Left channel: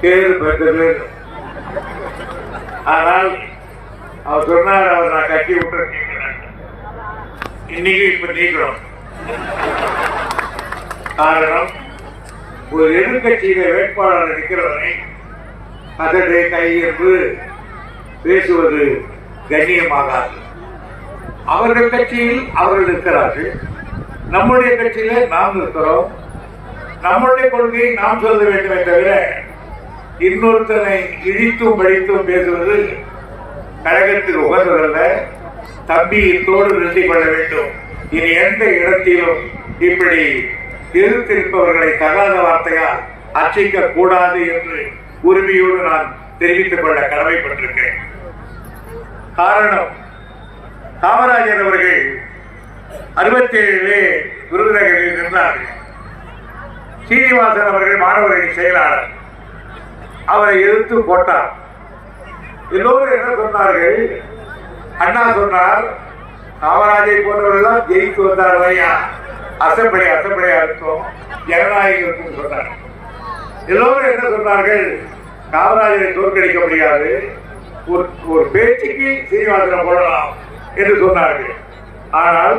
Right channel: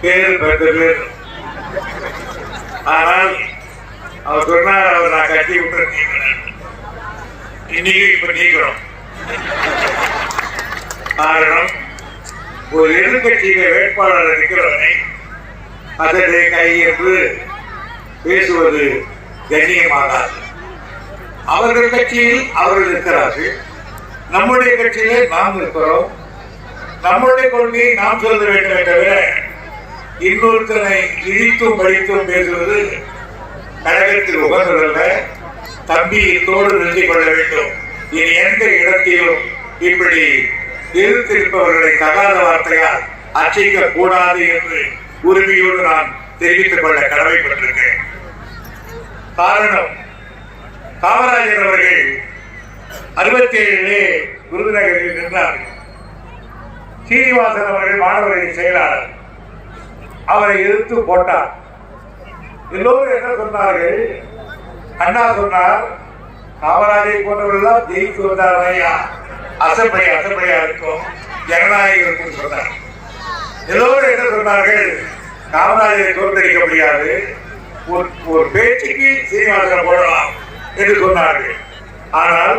பேர் பெற்ற பேர் ஆனால் அவர் சொன்னார் அவர் நான் கட்டி விட்டு நீக்கிறேன் இன்னைக்கு இப்ப நீக்கிறோம். காரணம் ஒரு எதிர்கட்சியில வேட்பாளர் நிற்கிறவனை அதனை கை என்று பேசுவது கண்ணியமாகாது. அவர்கள் கட்சியில் அவர்கள் இருக்கிறார்கள். நம்முடைய கட்சியிலே நாம் இருக்கிறோம். நம்முடைய கொள்கையை நாம் சொல்ல வேண்டும் தவிர இன்னொருத்தனை இழித்தும் படித்தும் பேசுவது கழகத்தில் உகந்ததல்ல. தம்பி இத்தோடு நிறுத்திக் கொள்ள வேண்டும். இனி எந்த இடத்திலும் இப்படி எதிர்த்திருப்பவர்களை தகாத வார்த்தையால் அர்ச்சிக்க கூடாது என்று உறுதியோடு நான் தெரிவித்துக் கொள்ள கடமைப்பட்டிருக்கேன் காரணம் காமராஜர் அவர்கள் அறுபத்தி ஏழிலே விருதுநகரில் நின்றார்கள் சீனிவாசன் அவர்கள் மாணவர்களின் செயலாளர். அவரை எதிர்த்து போட்டார். எல்லோரும் என்ன சொன்னார்கள்? அண்ணா சொன்னார் காமராஜை போன்றவர்கள் ஜெயித்து வந்தார் ஐயா அசப்படி அசப்படியா இருக்கும் ஜனநாயகம் இருக்கும் சொன்னார். எல்லோரும் என்ன சொன்னார்கள்? காமராஜரை தோற்கடிக்க முடியாது. ஒரு ஒரு பேச்சுக்கு சீனிவாசனை போடலாம் என்று சொன்னார்கள். ஆனால்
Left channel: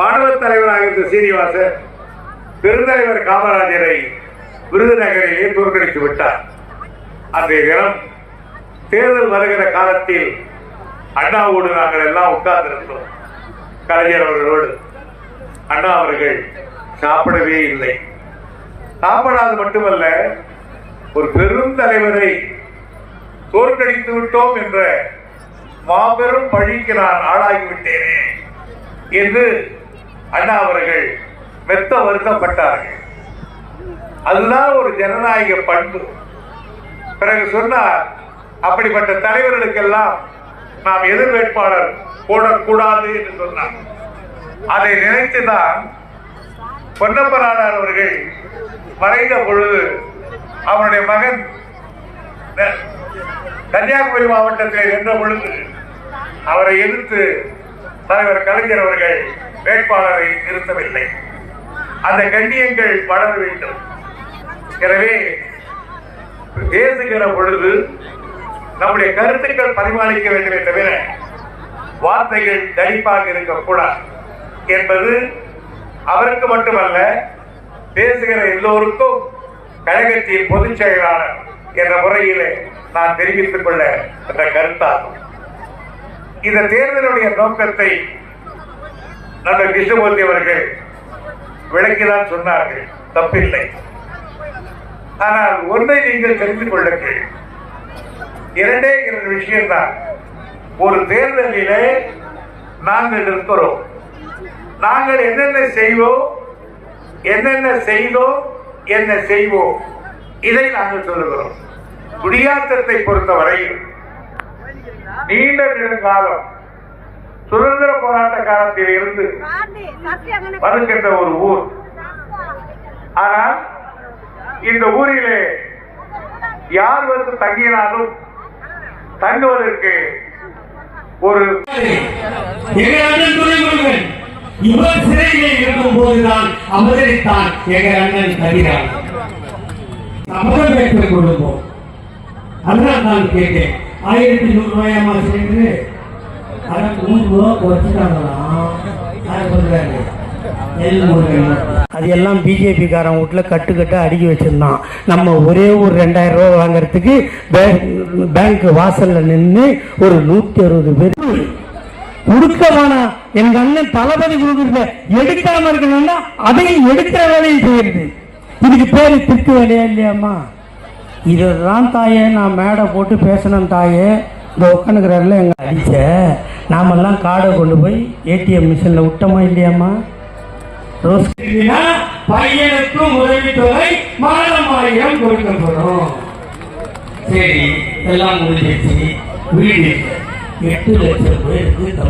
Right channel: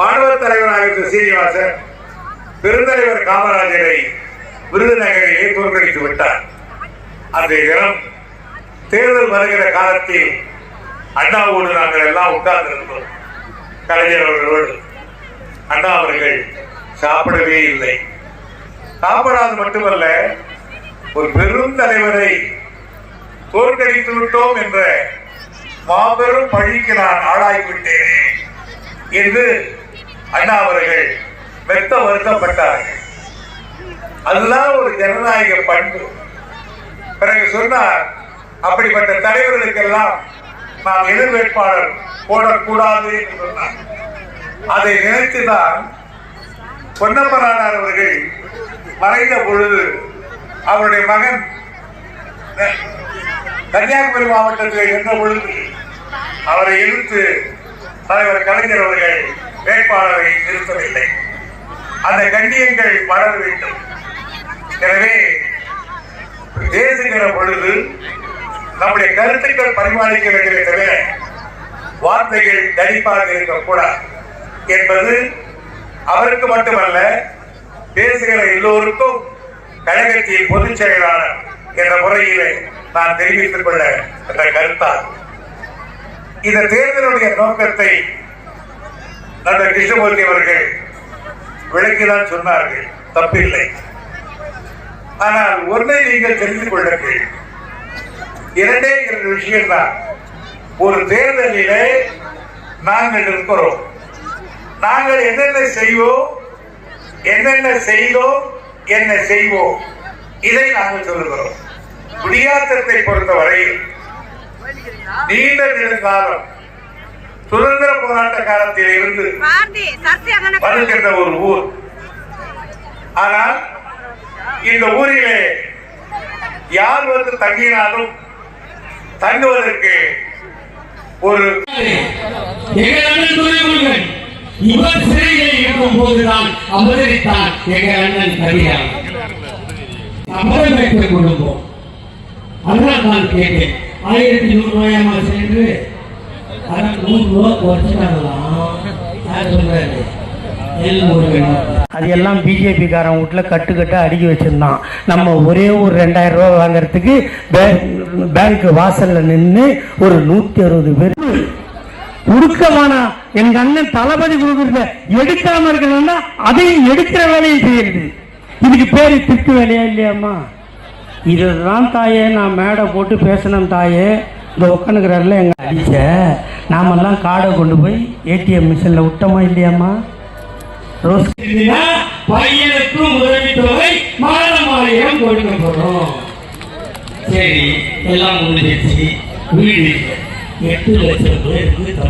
மாணவர் தலைவராக இருந்த சீனிவாசன் பெருந்தலைவர் காமராஜரை விருதுநகரையே தோற்கடித்து விட்டார். அன்றைய தேர்தல் வருகிற காலத்தில் அண்ணாவோடு நாங்கள் எல்லாம் உட்கார்ந்திருந்தோம். கலைஞர் அவர்களோடு. அண்ணா அவர்கள் சாப்பிடவே இல்லை. சாப்பிடாது மட்டுமல்ல ஒரு பெரும் தலைவரை தோற்கடித்து விட்டோம் என்ற மாபெரும் பழிக்கு நான் ஆளாகிவிட்டேனே என்று அண்ணா அவர்கள் மெத்த வருத்தப்பட்டார்கள் அதுதான் ஒரு ஜனநாயக பண்பு. பிறகு சொன்னார் அப்படிப்பட்ட தலைவர்களுக்கெல்லாம் நாம் எதிர் வேட்பாளர் போடக்கூடாது என்று சொன்னார். அதை நினைத்துதான் பொன்னப்பராடார் அவர்கள் மறைந்த பொழுது அவருடைய மகன் கன்னியாகுமரி மாவட்டத்தில் இருந்த பொழுது அவரை எதிர்த்து தலைவர் கலைஞர் அவர்கள் வேட்பாளரை நிறுத்தவில்லை. அந்த கண்ணியங்கள் வளர வேண்டும் எனவே பேசுகிற பொழுது நம்முடைய கருத்துக்கள் பரிமாறிக்க வேண்டுமே தவிர வார்த்தைகள் தடிப்பாக இருக்கக்கூடாது என்பது அவருக்கு மட்டுமல்ல பேசுகிற எல்லோருக்கும் கழகத்தின் பொதுச் செயலாளர் என்ற முறையிலே நான் தெரிவித்துக் கொள்ள என்ற கருத்தாகும். இந்த தேர்தலுடைய நோக்கத்தை நண்பர் கிருஷ்ணமூர்த்தி அவர்கள் விளக்கிதான் சொன்னார்கள். தப்பில்லை. ஆனால் ஒன்றை நீங்கள் தெரிந்து கொள்ளுங்கள். இரண்டே இரண்டு விஷயம்தான். ஒரு தேர்தலிலே நாங்கள் இருக்கிறோம் நாங்கள் என்னென்ன செய்வோம் என்னென்ன செய்தோம் என்ன செய்வோம் இதை நாங்கள் சொல்லுகிறோம். குடியாத்தத்தை பொறுத்தவரையில் நீண்ட நெடுங்காலம் சுதந்திர போராட்ட காலத்தில் இருந்து வருகின்ற ஒரு ஊர். ஆனால் இந்த ஊரிலே யார் வந்து தங்கினாலும் தங்குவதற்கு ஒரு இவர் சிறையிலே இருக்கும் போதுதான் அவதரித்தான் எங்கள் அண்ணன் தனியார். சபதம் பெற்ற குடும்பம் அதனால் நான் கேட்டேன் ஆயிரத்தி நூறு ரூபாயமா சென்று அதான் நூறு ரூபா குறைச்சிட்டாங்களாம் யார் சொல்றாரு? எல் முருகன். அது எல்லாம் பிஜேபிக்காரன் வீட்டில் கட்டுக்கட்டாக அடுக்கி வச்சிருந்தான். நம்ம ஒரே ஒரு ரெண்டாயிரம் ரூபாய் வாங்குறதுக்கு பேங்க் வாசலில் நின்று ஒரு நூற்றி அறுபது பேர் உருக்கமானா எங்கள் எங்க அண்ணன் தளபதி கொடுக்குறத எடுக்காம இருக்கணும்னா அதையும் எடுக்கிற வேலையை செய்யுது இதுக்கு பேரு திட்டு வேலையா இல்லையாம்மா? இதுதான் தாயே நான் மேடை போட்டு பேசணும் தாயே. இந்த உட்காந்துக்கிறாரில் எங்கள் அடிச்ச. நாமெல்லாம் காடை கொண்டு போய் ஏடிஎம் மிஷினில் விட்டோமா இல்லையாம்மா? பையனுக்கும் உதவி தொகை உதவித்தொகை மகரம் ஆயிரம் கொடுக்கப்படும். சரி எல்லாம் முடிஞ்சிருச்சு. வீடு எட்டு லட்சம் பேருக்கு தமிழ்